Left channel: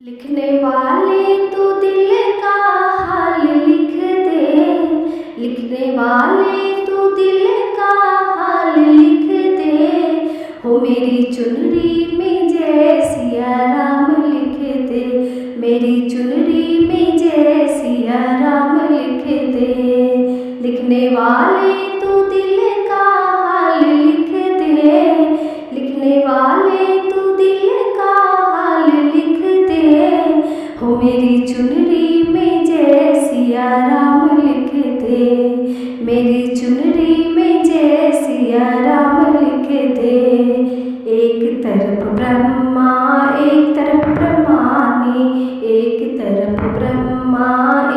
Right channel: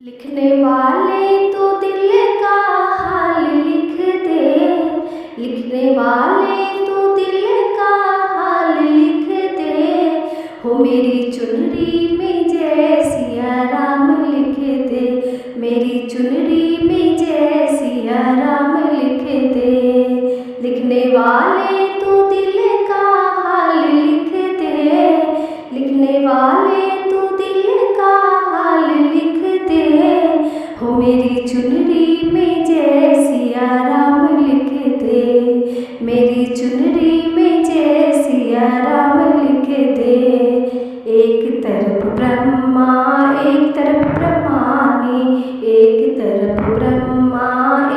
लिखने वाले तो दिल का हाल लिख दे, लिखने वाले तो दिल का हाल लिख दे, हो मेरी चुनरी में जय सिया राम लिख दे, मेरी चुनरी में जय सिया राम लिख दे। लिखने वाले तो दिल का हाल लिख दे, लिखने वाले तो दिल का हाल लिख दे, हो मेरी चुनरी में जय सिया राम लिख दे, मेरी चुनरी में जय सिया राम लिख दे। एक तरफ ब्रह्मा एक तरफ ब्रह्मानी, एक तरफ ब्रह्मा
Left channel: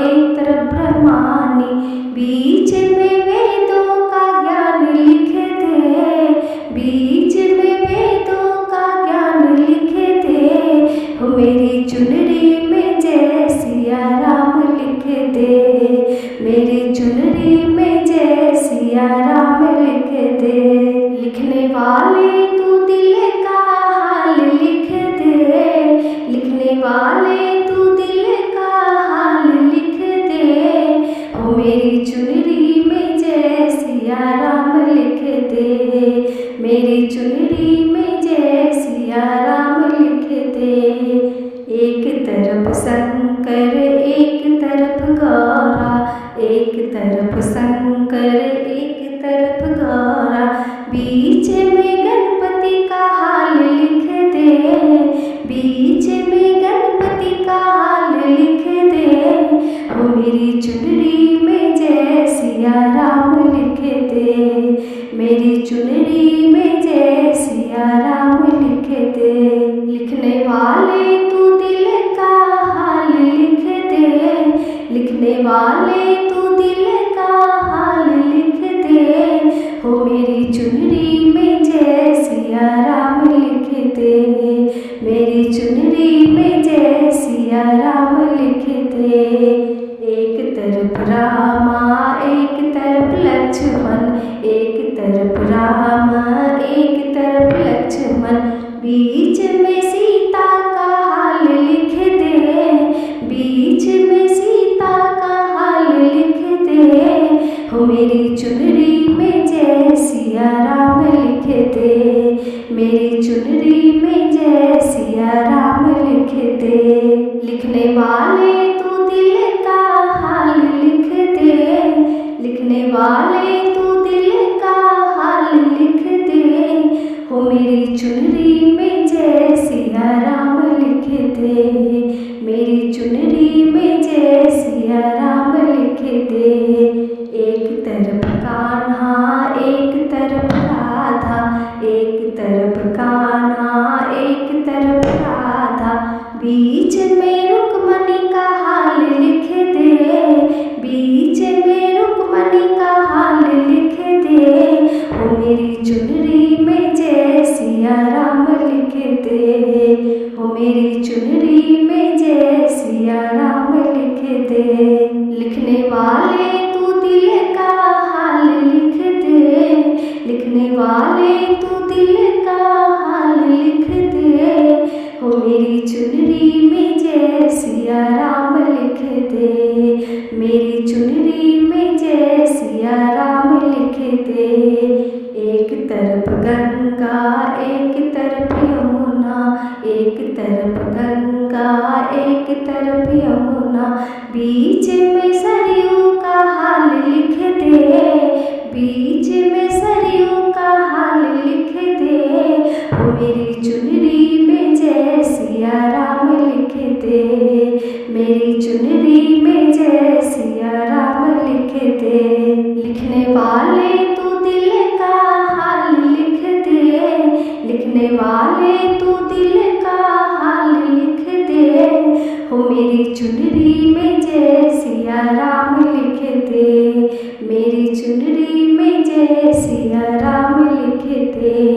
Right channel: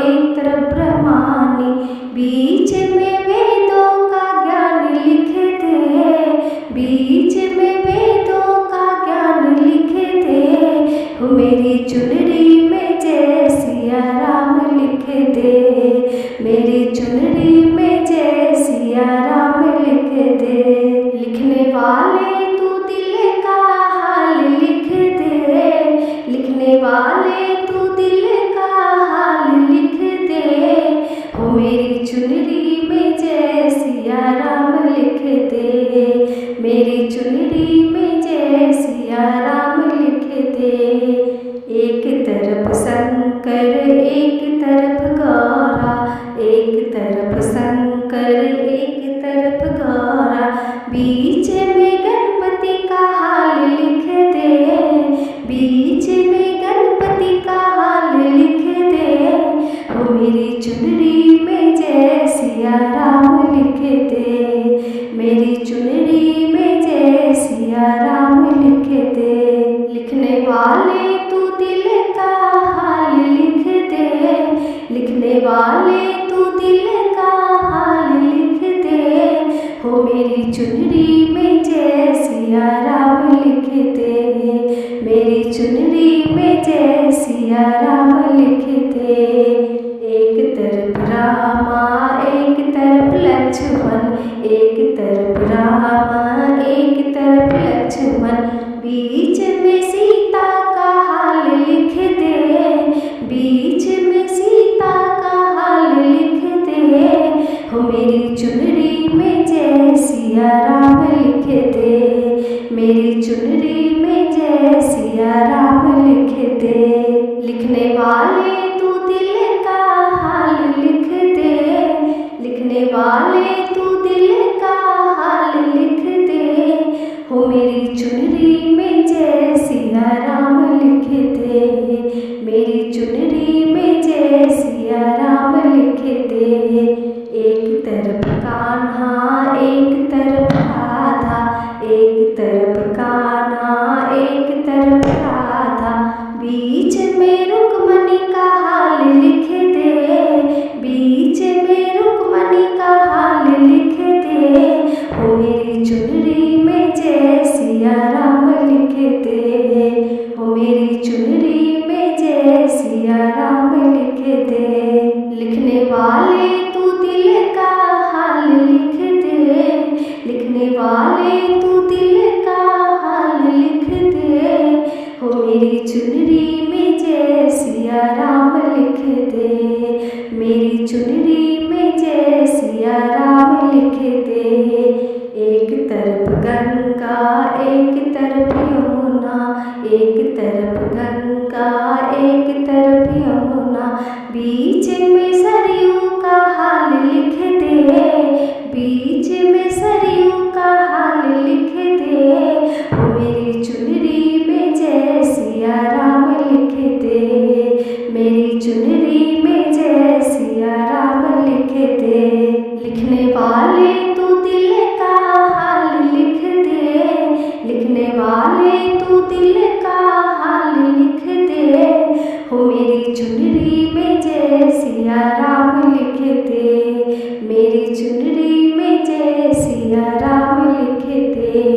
एक तरफ ब्रह्मानी, बीच में वेदों का ज्ञान लिख दे, बीच में वेदों का ज्ञान लिख दे, हो मेरी चुनरी में जय सिया राम लिख दे, मेरी चुनरी में जय सिया राम लिख दे। लिखने वाले तू दिल का हाल लिख दे, लिखने वाले तू दिल का हाल लिख दे, हो मेरी चुनरी में जय सिया राम लिख दे, मेरी चुनरी में जय सिया राम लिख दे। एक तरफ शंकर एक तरफ गौरा, एक तरफ शंकर एक तरफ गौरा, बीच में गणपति का हाल लिख दे, बीच में गणपति का हाल लिख दे, हो मेरी चुनरी में जय सिया राम लिख दे, मेरी चुनरी में जय सिया राम लिख दे। लिखने वाले तू दिल का हाल लिख दे, लिखने वाले तू दिल का हाल लिख दे, हो मेरी चुनरी में जय सिया राम लिख दे, मेरी चुनरी में जय सिया राम लिख दे। एक तरफ रामा एक तरफ लक्ष्मण, एक तरफ रामा एक तरफ लक्ष्मण, बीच में सीता का हाल लिख दे, बीच में सीता का हाल लिख दे, हो मेरी चुनरी में जय सिया राम लिख दे, मेरी चुनरी में जय सिया राम लिख दे। लिखने वाले तू दिल का हाल लिख दे, लिखने वाले तू दिल का हाल लिख दे, हो मेरी चुनरी में जय सिया राम लिख दे, मेरी चुनरी में जय सिया राम लिख दे। एक तरफ कान्हा एक तरफ राधा, एक तरफ कान्हा एक तरफ राधा, बीच में रुक्मणी का हाल लिख दे, बीच में रुक्मणी का हाल लिख दे, हो मेरी चुनरी में जय सिया राम लिख दे, हो मेरी चुनरी में जय सिया राम लिख दे। लिखने वाले तू दिल का हाल लिख दे, लिखने वाले तू दिल का हाल लिख दे, हो मेरी चुनरी में जय सिया राम लिख दे, मेरी चुनरी में जय सिया राम लिख दे। एक तरफ गंगा एक तरफ यमुना, एक तरफ गंगा एक तरफ यमुना, बीच में सरयू का हाल लिख दे, बीच में सरयू का हाल लिख दे, हो मेरी चुनरी में जय सिया राम लिख दे, मेरी चुनरी में जय सिया राम लिख दे। लिखने वाले तू दिल का हाल लिख दे, लिखने वाले तू दिल का हाल लिख दे, हो मेरी चुनरी में जय सिया राम लिख दे, मेरी चुनरी में जय सिया राम लिख दे।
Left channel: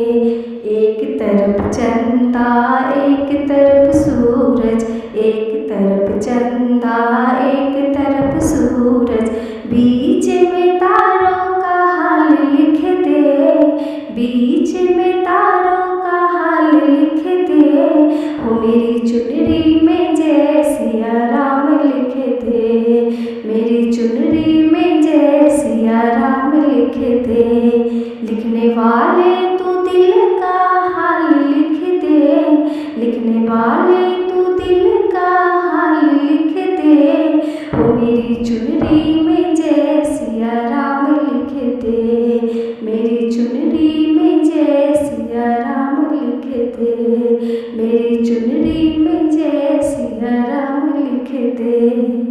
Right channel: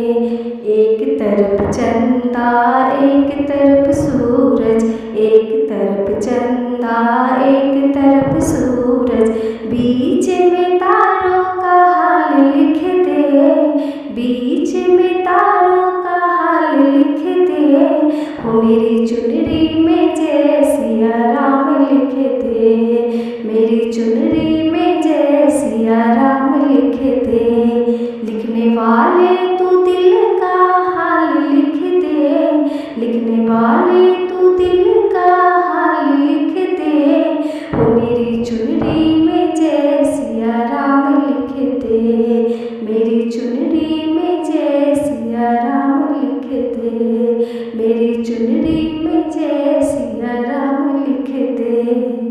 एक तरफ चंदा एक तरफ सूरज, एक तरफ चंदा एक तरफ सूरज, बीच में तारों का हाल लिख दे, बीच में तारों का हाल लिख दे, हो मेरी चुनरी में दे। लिखने वाले तू दिल का हाल लिख दे, लिखने वाले तू दिल का हाल लिख दे। हो मेरी चुनरी में जय सिया राम लिख दे, मेरी चुनरी में जय सिया राम लिख दे, मेरी चुनरी में जय सिया राम लिख दे।